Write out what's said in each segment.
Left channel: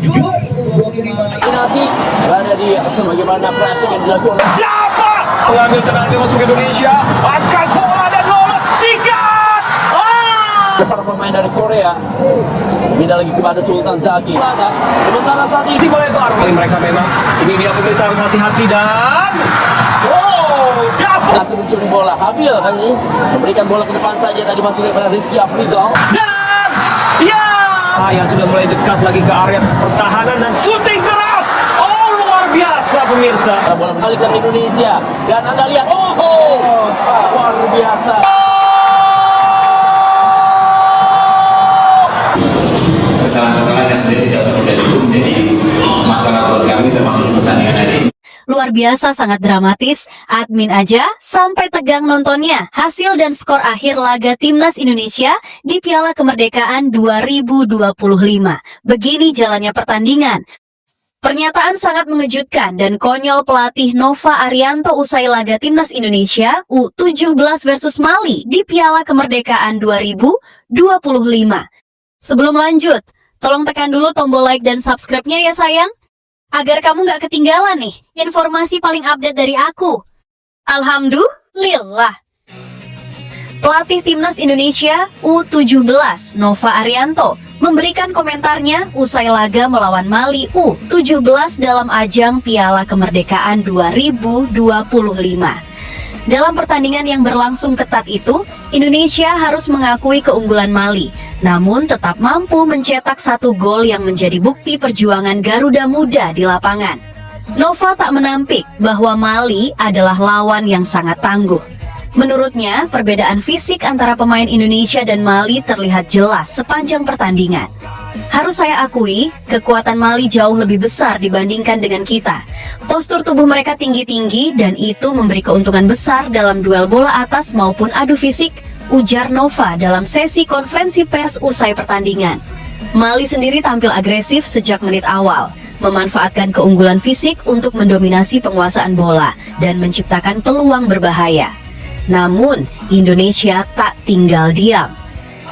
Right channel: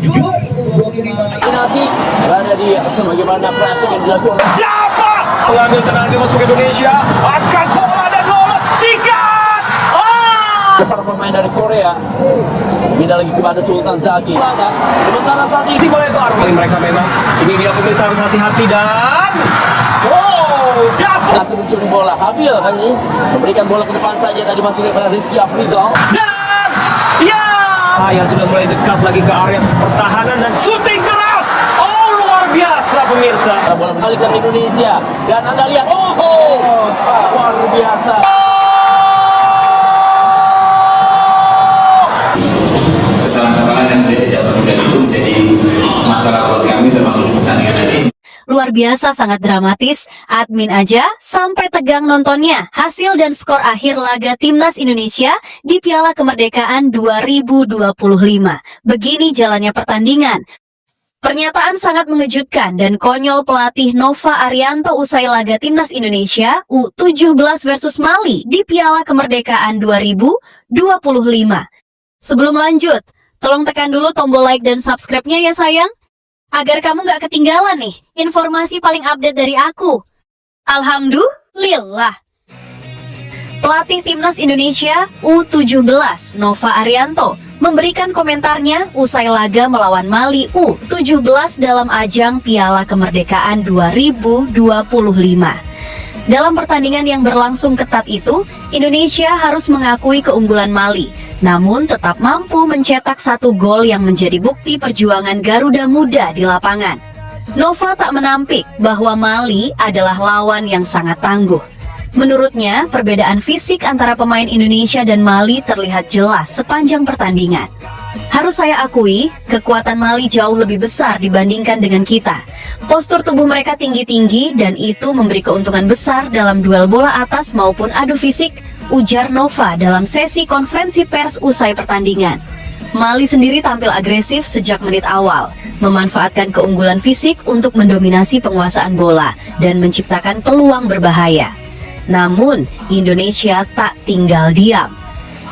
Kombinasi berada di sebagaimana pressing yang dilakukan oleh Dafa mengambil tenang di masuk Indonesia, angkat bola dan lolos, sikat. para pemain dari Korea. Pindah lagi kepada Sultan Zaki. Sementara saat ini Melebar kali mereka memang. Ini dia pemirsa, harus hati-hati dan Dafa masih mencuri bola. Habil kali ini memberikan bola ke depan saja, tadi masuk kepada Rizky Afrizal. dan yang sudah mulai dekat lagi ke area pertahanan dan syuting keras. Luar biasa pemirsa. Bola balik dari Indonesia dan Anda lihat, luar biasa. Kesalahan-kesalahan yang sudah tidak terjadi itu menjadi masalah buat kami termasuk di pertandingan hari ini. Luar biasa, sangat dramatis. Admin aja sampai tegang nontonnya. Hasil dan skor akhir laga Timnas Indonesia di Piala Kemerdekaan 2025. Begini jalannya pertandingan. Pernyataan sangat mengejutkan dan konyol pelatih Nova Arianto usai laga Timnas Indonesia U17 versus Mali di Piala Kemerdekaan 2025. Sebelum lanjut, tolong tekan dulu tombol like dan subscribe-nya ya sayang, agar kamu gak ketinggalan nih informasi paling update dari aku. Alhamdulillah. Pelatih Timnas Indonesia U17 Nova Arianto memberikan komentarnya usai laga melawan Mali U17 dalam ajang Piala Kemerdekaan 2025. Dalam pertandingan yang berlangsung ketat itu, Indonesia harus mengakui keunggulan Mali, namun tetap mampu mencetak 1 gol yang menjadi bukti perjuangan Garuda Muda di lapangan. Nova tak menampik bahwa Mali adalah lawan yang sangat tangguh. Menurutnya, perbedaan fisik antara pemain Indonesia dan Mali terlihat jelas sepanjang pertandingan. Harus saya akui, kekuatan Mali jauh lebih besar dibandingkan dengan kita. Postur tubuh mereka tinggi-tinggi dan itu memberi keuntungan besar dalam duel bola atas maupun adu fisik, ujar Nova dalam sesi konferensi pers usai pertandingan. Mali sendiri tampil agresif sejak menit awal, memanfaatkan keunggulan fisik untuk mendominasi penguasaan bola dan menciptakan peluang berbahaya. Namun, Indonesia tak tinggal diam.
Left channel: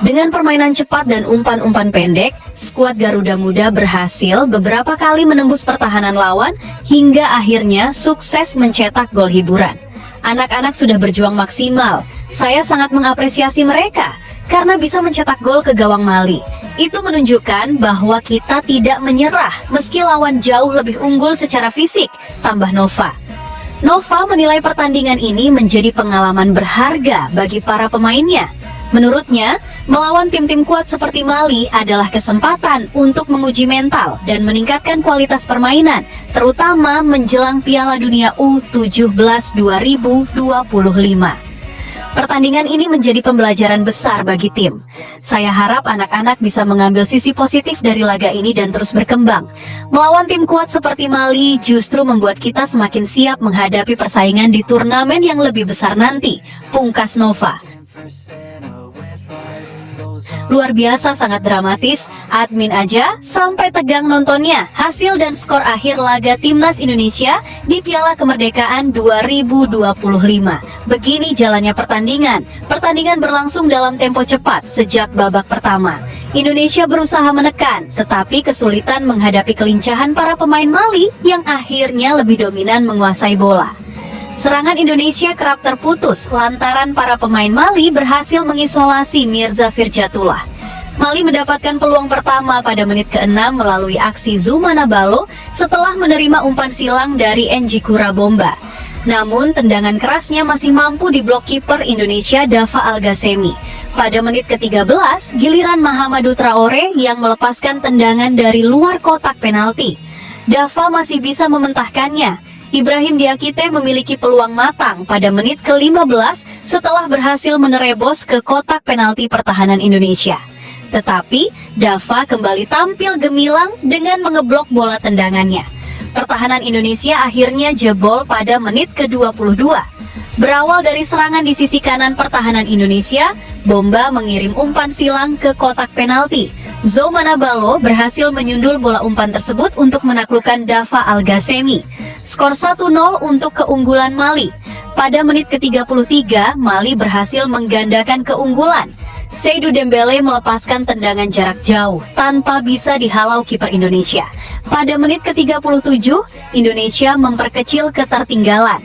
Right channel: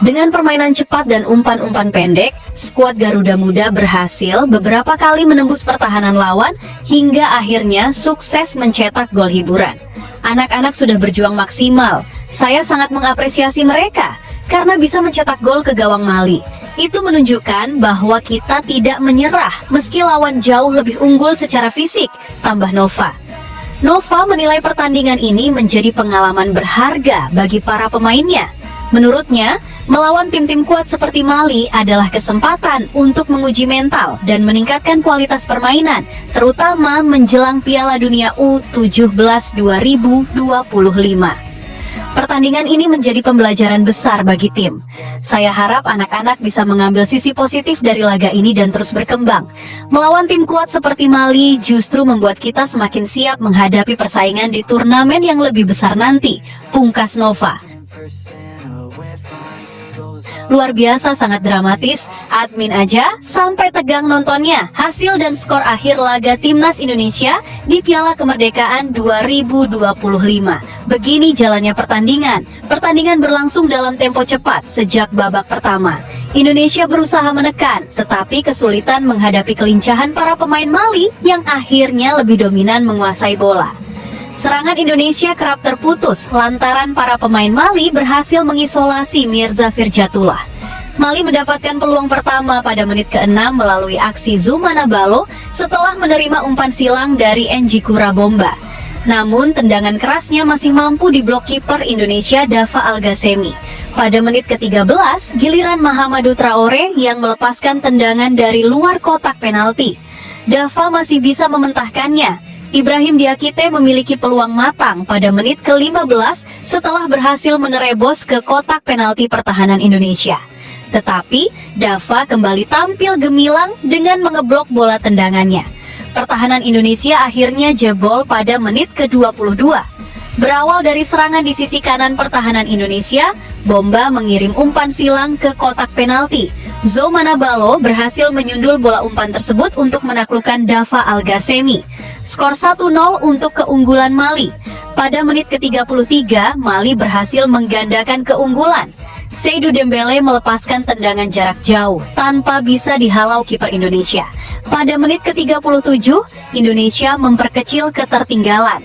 Dengan permainan cepat dan umpan-umpan pendek, skuad Garuda Muda berhasil beberapa kali menembus pertahanan lawan hingga akhirnya sukses mencetak gol hiburan. Anak-anak sudah berjuang maksimal. Saya sangat mengapresiasi mereka karena bisa mencetak gol ke gawang Mali. Itu menunjukkan bahwa kita tidak menyerah meski lawan jauh lebih unggul secara fisik, tambah Nova. Nova menilai pertandingan ini menjadi pengalaman berharga bagi para pemainnya. Menurutnya, melawan tim-tim kuat seperti Mali adalah kesempatan untuk menguji mental dan meningkatkan kualitas permainan, terutama menjelang Piala Dunia U17 2025. Pertandingan ini menjadi pembelajaran besar bagi tim. Saya harap anak-anak bisa mengambil sisi positif dari laga ini dan terus berkembang. Melawan tim kuat seperti Mali justru membuat kita semakin siap menghadapi persaingan di turnamen yang lebih besar nanti, pungkas Nova. Luar biasa, sangat dramatis. Admin aja sampai tegang nontonnya. Hasil dan skor akhir laga Timnas Indonesia di Piala Kemerdekaan 2025. Begini jalannya pertandingan. Pertandingan berlangsung dalam tempo cepat sejak babak pertama. Indonesia berusaha menekan, tetapi kesulitan menghadapi kelincahan para pemain Mali yang akhirnya lebih dominan menguasai bola. Serangan Indonesia kerap terputus lantaran para pemain Mali berhasil mengisolasi Mirza Firjatullah. Mali mendapatkan peluang pertama pada menit ke-6 melalui aksi Zoumana Balo setelah menerima umpan silang dari N'Jiko Rabomba. Namun tendangan kerasnya masih mampu diblok kiper Indonesia Dafa Algasemi. Pada menit ke-13, giliran Mahamadou Traore yang melepaskan tendangan dari luar kotak penalti. Dafa masih bisa mementahkannya. Ibrahim Diakite memiliki peluang matang pada menit ke-15 setelah berhasil menerobos ke kotak penalti pertahanan Indonesia. Tetapi, Dafa kembali tampil gemilang dengan mengeblok bola tendangannya. Pertahanan Indonesia akhirnya jebol pada menit ke-22. Berawal dari serangan di sisi kanan pertahanan Indonesia, Bomba mengirim umpan silang ke kotak penalti. Zoumana Balo berhasil menyundul bola umpan tersebut untuk menaklukkan Dafa Algasemi. Skor 1-0 untuk keunggulan Mali. Pada menit ke-33, Mali berhasil menggandakan keunggulan. Seydou Dembele melepaskan tendangan jarak jauh tanpa bisa dihalau kiper Indonesia. Pada menit ke-37, Indonesia memperkecil ketertinggalan.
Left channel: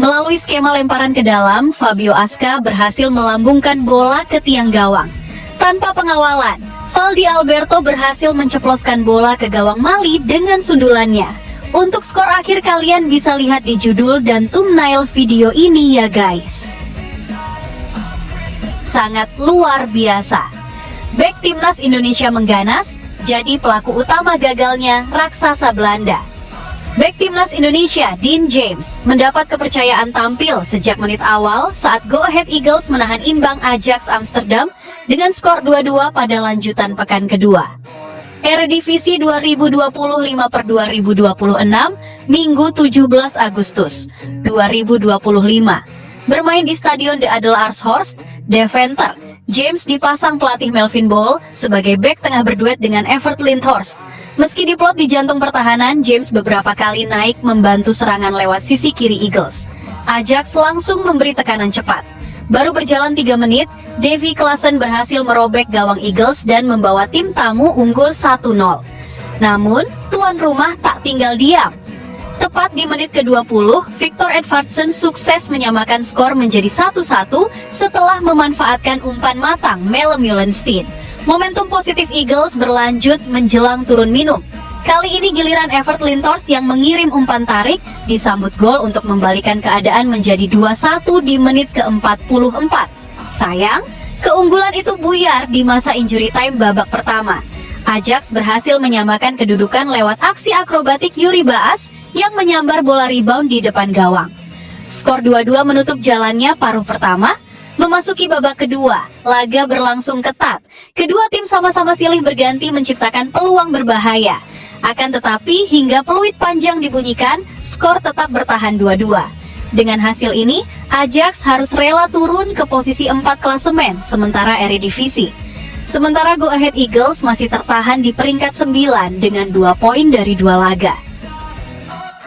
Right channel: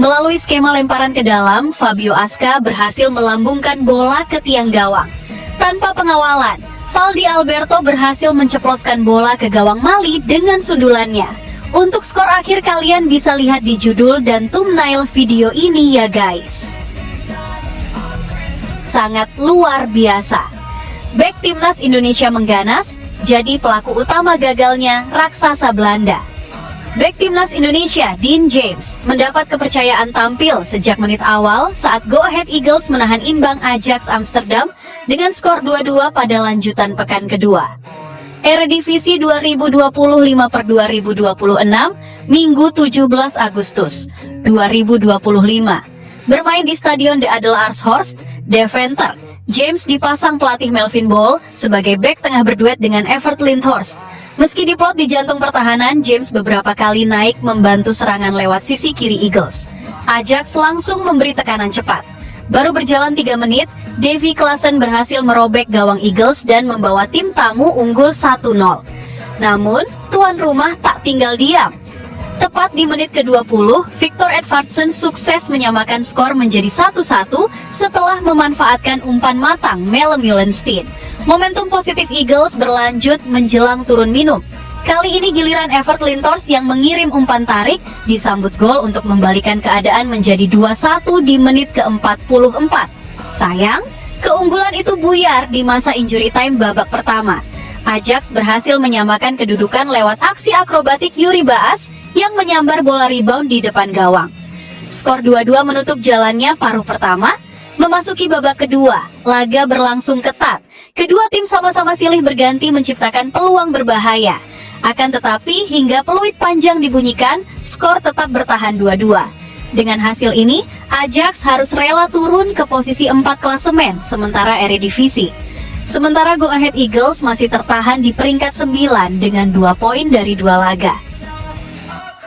Melalui skema lemparan ke dalam, Fabio Aska berhasil melambungkan bola ke tiang gawang. Tanpa pengawalan, Valdi Alberto berhasil menceploskan bola ke gawang Mali dengan sundulannya. Untuk skor akhir kalian bisa lihat di judul dan thumbnail video ini ya guys. Sangat luar biasa. Bek timnas Indonesia mengganas, jadi pelaku utama gagalnya raksasa Belanda. Bek timnas Indonesia, Dean James, mendapat kepercayaan tampil sejak menit awal saat Go Ahead Eagles menahan imbang Ajax Amsterdam dengan skor 2-2 pada lanjutan pekan kedua. Eredivisie 2025/2026, Minggu 17 Agustus 2025. Bermain di Stadion De Adelaarshorst, Deventer, James dipasang pelatih Melvin Bol sebagai bek tengah berduet dengan Evert Lindhorst. Meski diplot di jantung pertahanan, James beberapa kali naik membantu serangan lewat sisi kiri Eagles. Ajax langsung memberi tekanan cepat. Baru berjalan 3 menit, Davy Klaassen berhasil merobek gawang Eagles dan membawa tim tamu unggul 1-0. Namun, tuan rumah tak tinggal diam. Tepat di menit ke-20, Victor Edvardsen sukses menyamakan skor menjadi 1-1 setelah memanfaatkan umpan matang Melle Meulenstein. Momentum positif Eagles berlanjut menjelang turun minum. Kali ini giliran Evert Lindhorst yang mengirim umpan tarik disambut gol untuk membalikan keadaan menjadi 2-1 di menit ke-44. Sayang, keunggulan itu buyar di masa injury time babak pertama. Ajax berhasil menyamakan kedudukan lewat aksi akrobatik Yuri Baas yang menyambar bola rebound di depan gawang. Skor 2-2 menutup jalannya paruh pertama. Memasuki babak kedua, laga berlangsung ketat. Kedua tim sama-sama silih berganti menciptakan peluang berbahaya. Akan tetapi hingga peluit panjang dibunyikan, skor tetap bertahan 2-2. Dengan hasil ini, Ajax harus rela turun ke posisi 4 klasemen sementara Eredivisie. Sementara Go Ahead Eagles masih tertahan di peringkat 9 dengan 2 poin dari 2 laga.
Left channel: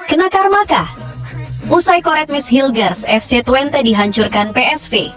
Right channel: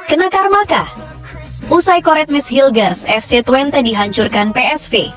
Kena karma kah? Usai Koretmes Hilgers, FC Twente dihancurkan PSV.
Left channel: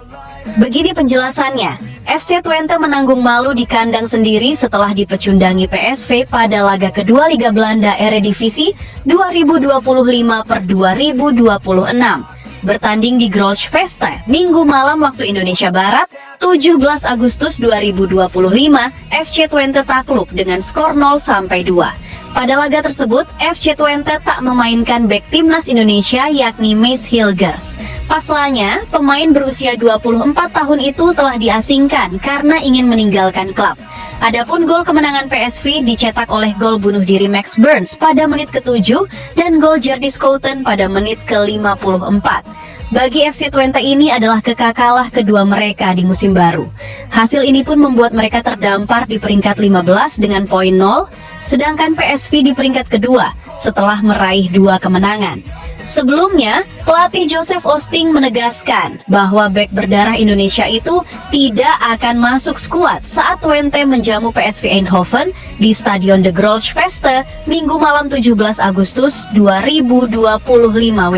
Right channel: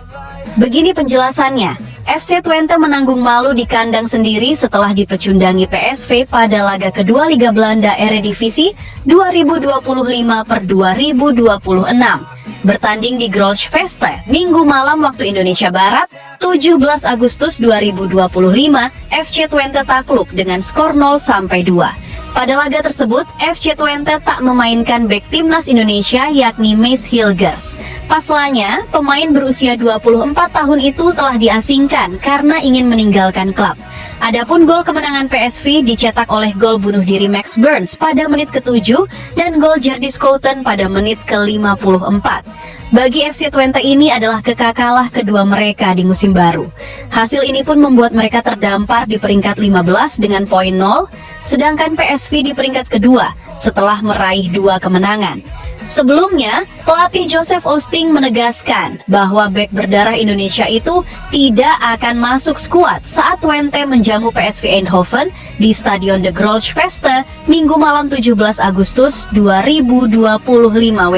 Begini penjelasannya, FC Twente menanggung malu di kandang sendiri setelah dipecundangi PSV pada laga kedua Liga Belanda Eredivisie 2025/2026. Bertanding di Grolschveste, Minggu malam waktu Indonesia Barat, 17 Agustus 2025, FC Twente takluk dengan skor 0-2. Pada laga tersebut, FC Twente tak memainkan bek timnas Indonesia yakni Maes Hilgers. Pasalnya, pemain berusia 24 tahun itu telah diasingkan karena ingin meninggalkan klub. Adapun gol kemenangan PSV dicetak oleh gol bunuh diri Max Burns pada menit ke-7 dan gol Jardy Schouten pada menit ke-54. Bagi FC Twente ini adalah kekakalah kedua mereka di musim baru. Hasil ini pun membuat mereka terdampar di peringkat 15 dengan poin 0, sedangkan PSV di peringkat kedua setelah meraih 2 kemenangan. Sebelumnya, pelatih Joseph Oosting menegaskan bahwa bek berdarah Indonesia itu tidak akan masuk skuad saat Twente menjamu PSV Eindhoven di Stadion De Grolschveste Minggu malam 17 Agustus 2025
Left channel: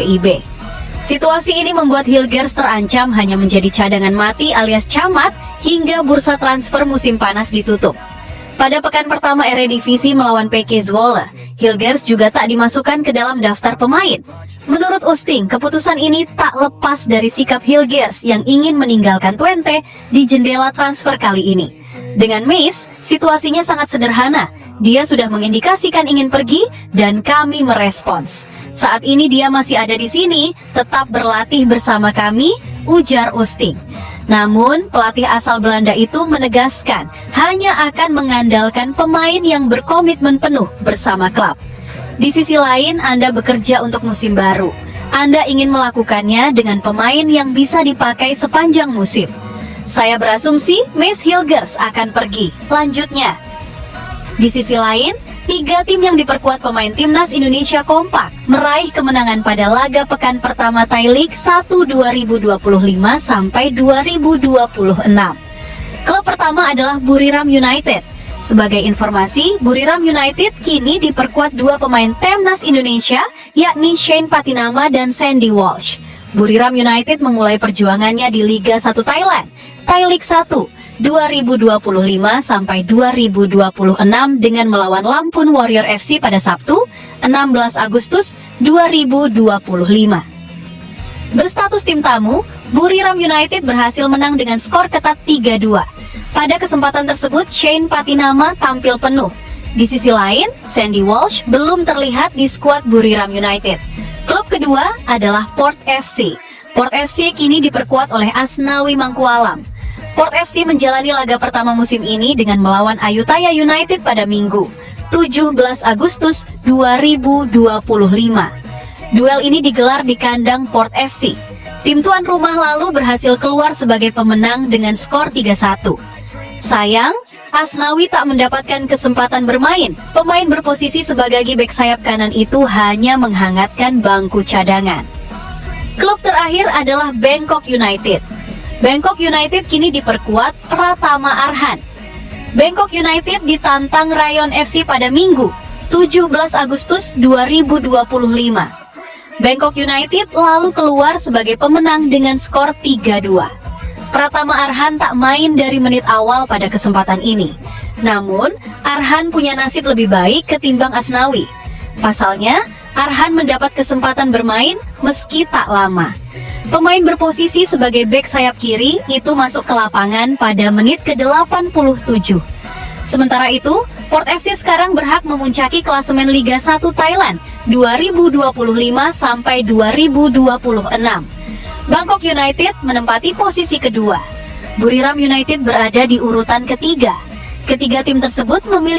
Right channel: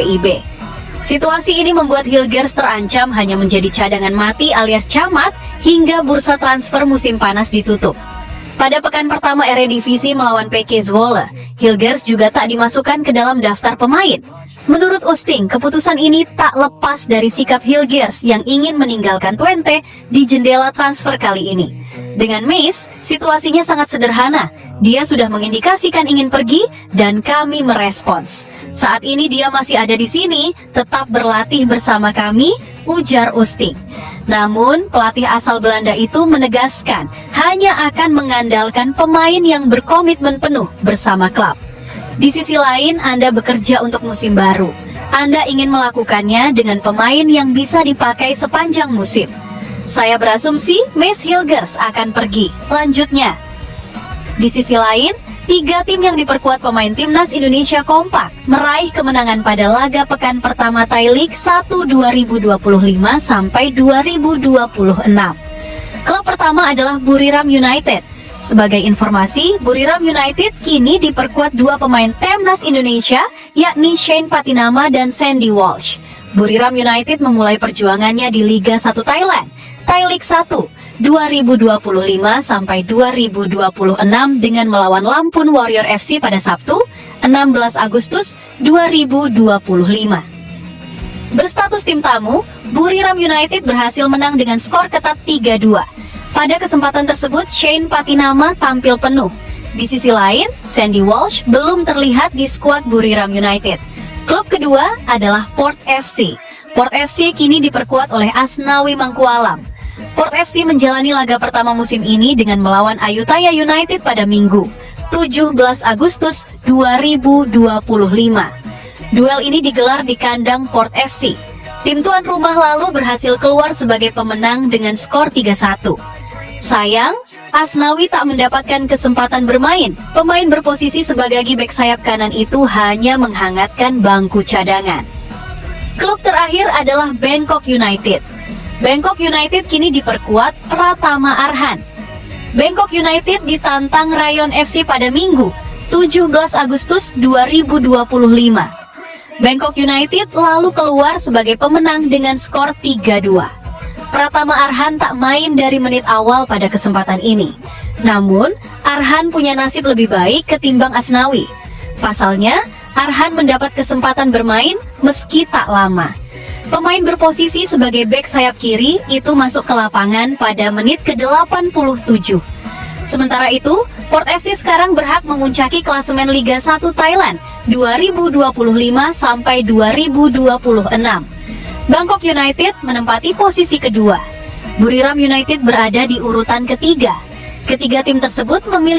WIB. Situasi ini membuat Hilgers terancam hanya menjadi cadangan mati alias camat hingga bursa transfer musim panas ditutup. Pada pekan pertama Eredivisie melawan PK Zwolle, Hilgers juga tak dimasukkan ke dalam daftar pemain. Menurut Oosting, keputusan ini tak lepas dari sikap Hilgers yang ingin meninggalkan Twente di jendela transfer kali ini. Dengan Maes, situasinya sangat sederhana. Dia sudah mengindikasikan ingin pergi dan kami merespons. Saat ini dia masih ada di sini, tetap berlatih bersama kami, ujar Oosting. Namun, pelatih asal Belanda itu menegaskan hanya akan mengandalkan pemain yang berkomitmen penuh bersama klub. Di sisi lain, Anda bekerja untuk musim baru. Anda ingin melakukannya dengan pemain yang bisa dipakai sepanjang musim. Saya berasumsi Maes Hilgers akan pergi. Lanjutnya. Di sisi lain, 3 tim yang diperkuat pemain timnas Indonesia kompak meraih kemenangan pada laga pekan pertama Thai League 1 2025 sampai 2026. Klub pertama adalah Buriram United. Sebagai informasi, Buriram United kini diperkuat 2 pemain timnas Indonesia, yakni Shane Patinama dan Sandy Walsh. Buriram United memulai perjuangannya di Liga 1 Thailand, Thai League 1, 2025 sampai 2026 dengan melawan Lampun Warrior FC pada Sabtu, 16 Agustus 2025. Berstatus tim tamu, Buriram United berhasil menang dengan skor ketat 3-2. Pada kesempatan tersebut, Shane Patinama tampil penuh. Di sisi lain, Sandy Walsh belum terlihat di skuad Buriram United. Klub kedua adalah Port FC. Port FC kini diperkuat oleh Asnawi Mangkualam. Port FC menjalani laga pertama musim ini dengan melawan Ayutthaya United pada Minggu, 17 Agustus 2025. Duel ini digelar di kandang Port FC. Tim tuan rumah lalu berhasil keluar sebagai pemenang dengan skor 3-1. Sayang, Asnawi tak mendapatkan kesempatan bermain. Pemain berposisi sebagai bek sayap kanan itu hanya menghangatkan bangku cadangan. Klub terakhir adalah Bangkok United. Bangkok United kini diperkuat Pratama Arhan. Bangkok United ditantang Rayon FC pada Minggu, 17 Agustus 2025. Bangkok United lalu keluar sebagai pemenang dengan skor 3-2. Pratama Arhan tak main dari menit awal pada kesempatan ini. Namun, Arhan punya nasib lebih baik ketimbang Asnawi. Pasalnya, Arhan mendapat kesempatan bermain meski tak lama. Pemain berposisi sebagai bek sayap kiri itu masuk ke lapangan pada menit ke-87. Sementara itu, Port FC sekarang berhak memuncaki klasemen Liga 1 Thailand 2025 sampai 2026. Bangkok United menempati posisi kedua. Buriram United berada di urutan ketiga. Ketiga tim tersebut memiliki